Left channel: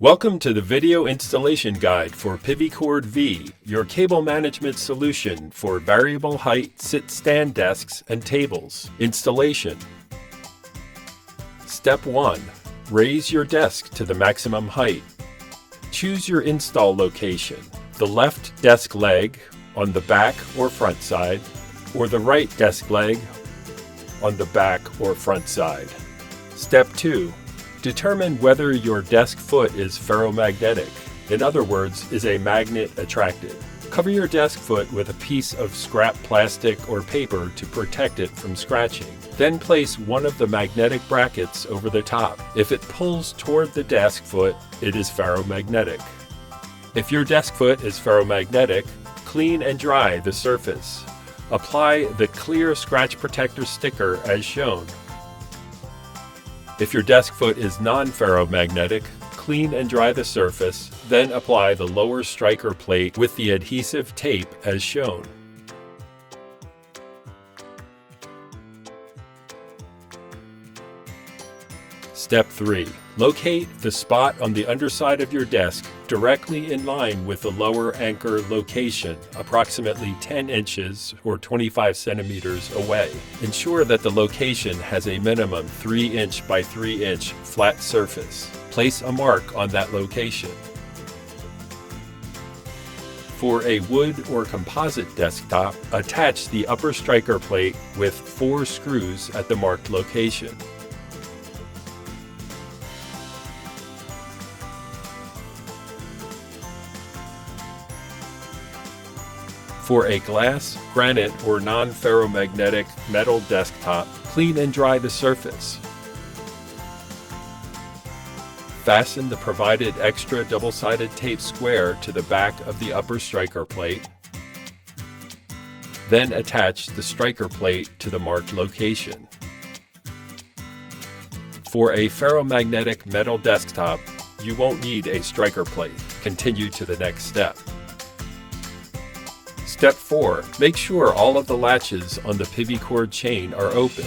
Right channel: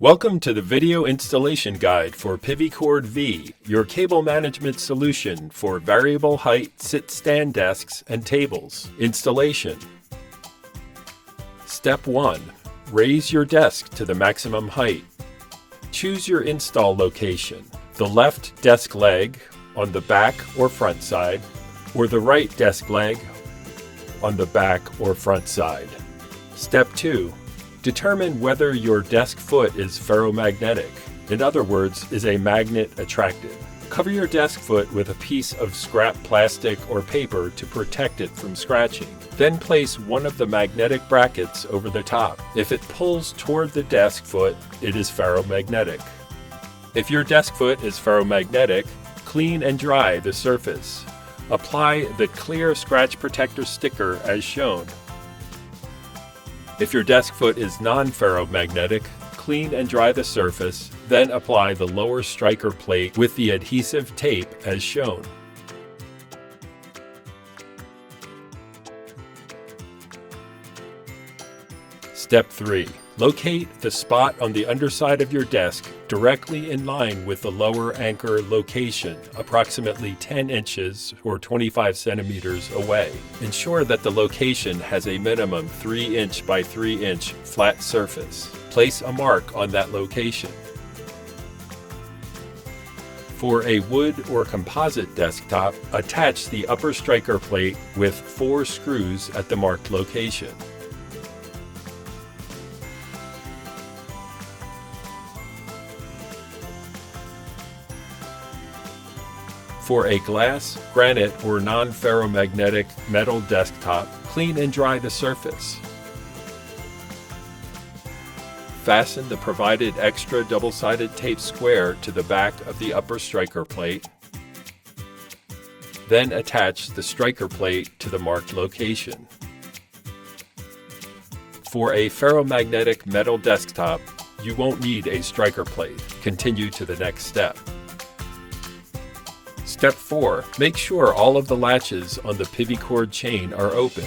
Welcome to the video installation guide for PivyCord-V, your cable management solution for variable height sit-stand desks and tables. Installation. Step 1. Raise your desk to the maximum height. Choose your install location, the left desk leg on the back or front side, or the right desk leg on the back or front side. Step 2. Determine whether your desk foot is ferromagnetic. In other words, is a magnet attracted? Cover your desk foot with a piece of scrap plastic or paper to protect it from scratching. Then place one of the magnetic brackets over the top. If it pulls toward the desk foot, it is ferromagnetic. If your desk foot is ferromagnetic, clean and dry the surface. Apply the clear scratch protector sticker as shown. If your desk foot is non-ferromagnetic, clean and dry the surface, then apply the lower striker plate with the adhesive tape as shown. Step 3. Locate the spot on the underside of your desk directly in line with the lower anchor location, approximately 10 inches or 25 centimeters away. Ensure that the location has a minimum 3 inch by 3 inch flat surface. Place a mark on that location. For a wood or composite desktop, attach the upper striker plate with 4 screws at the marked location. For a glass, granite, or non-ferromagnetic metal desktop, clean and dry the surface. Fasten the provided extra double-sided tape square to the back of the upper striker plate. Then attach the striker plate to the marked location. For a ferromagnetic metal desktop, you won't need a striker plate. Continue to the next step. Step 4. Make sure all of the latches on the PivyCord chain are open.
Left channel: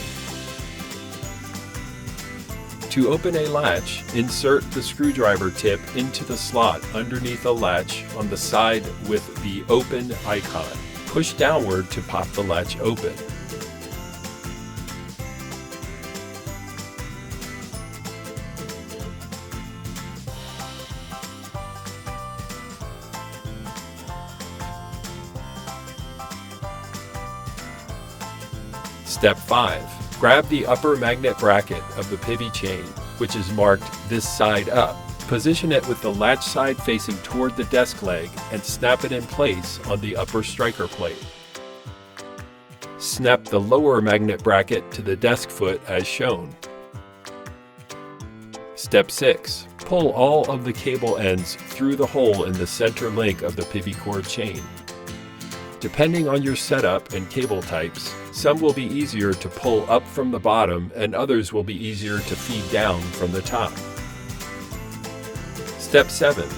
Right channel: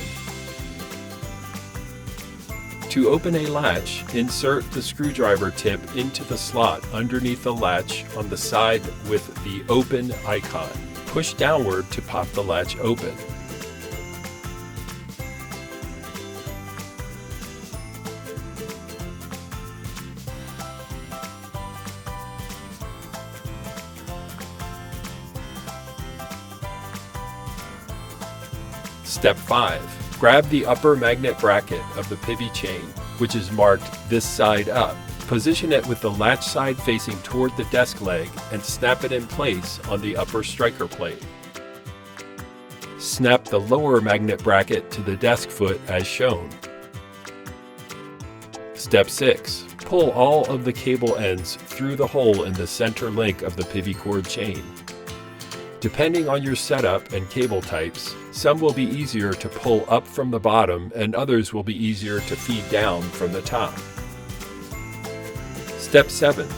To open a latch, insert the screwdriver tip into the slot underneath the latch on the side with the open icon. Push downward to pop the latch open. Step 5. Grab the upper magnet bracket of the Pivy chain, which is marked this side up. Position it with the latch side facing toward the desk leg and snap it in place on the upper striker plate. Snap the lower magnet bracket to the desk foot as shown. Step 6. Pull all of the cable ends through the hole in the center link of the PivyCord chain. Depending on your setup and cable types, some will be easier to pull up from the bottom and others will be easier to feed down from the top. Step 7.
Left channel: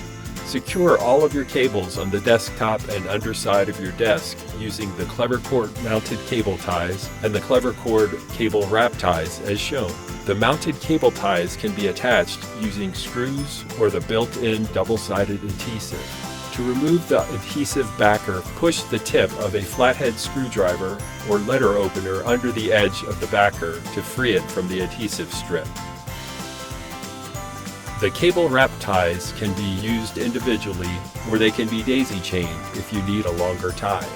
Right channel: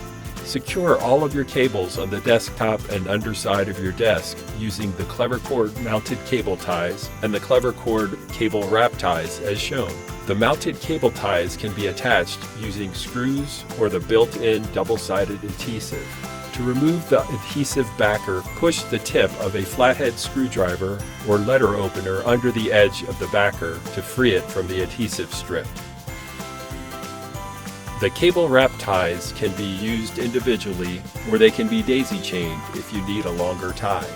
Secure all of your cables on the desktop and underside of your desk using the PivyCord mounted cable ties and the PivyCord cable wrap ties as shown. The mounted cable ties can be attached using screws or the built-in double-sided adhesive. To remove the adhesive backer, push the tip of a flathead screwdriver or letter opener under the edge of the backer to free it from the adhesive strip. The cable wrap ties can be used individually or they can be daisy chained if you need a longer tie.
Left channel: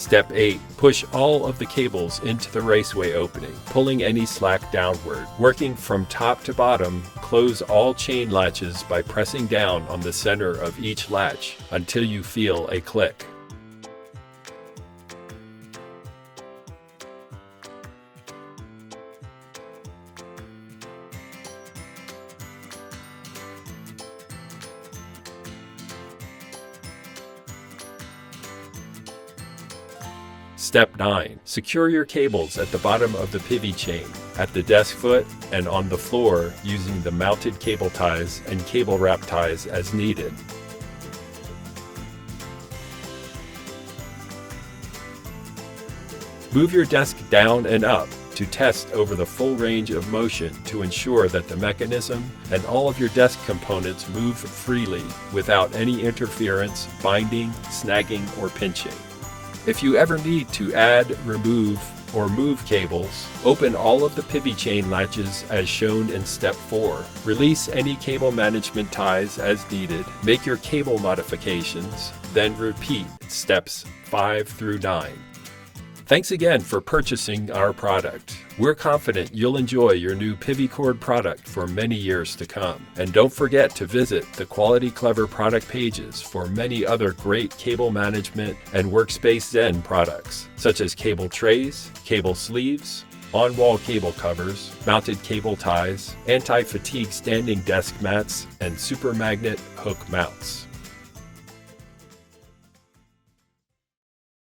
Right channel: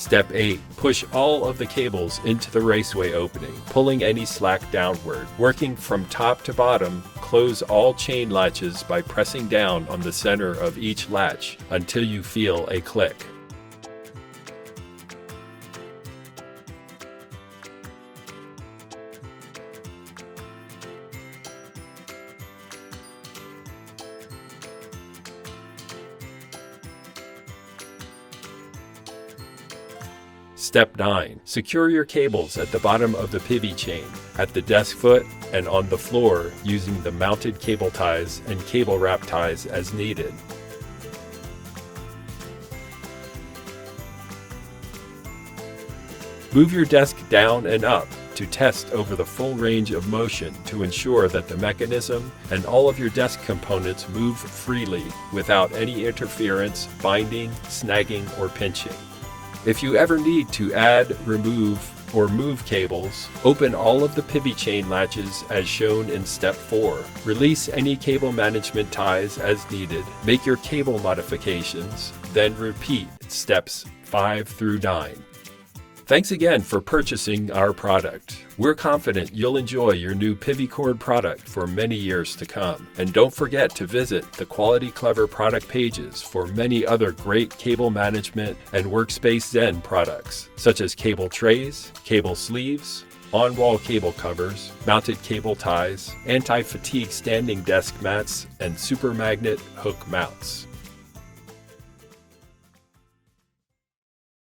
Step 8. Push all of the cables into the raceway opening, pulling any slack downward. Working from top to bottom, close all chain latches by pressing down on the center of each latch until you feel a click. Step 9. Secure your cables at the bottom of the Pivy chain, at the desk foot, and on the floor using the mounted cable ties and cable wrap ties as needed. Move your desk down and up to test over the full range of motion to ensure that the mechanism and all of your desk components move freely without any interference, binding, snagging, or pinching. If you ever need to add, remove, or move cables, open all of the Pivy chain latches as shown in Step 4. Release any cable management ties as needed, make your cable modifications, then repeat Steps 5 through 9. Thanks again for purchasing our product. We're confident you'll enjoy your new PivyCord product for many years to come. And don't forget to visit the Quality Clever product pages for many other great cable management and Workspace Zen products, such as cable trays, cable sleeves, on-wall cable covers, mounted cable ties, anti-fatigue standing desk mats, and super magnet hook mounts.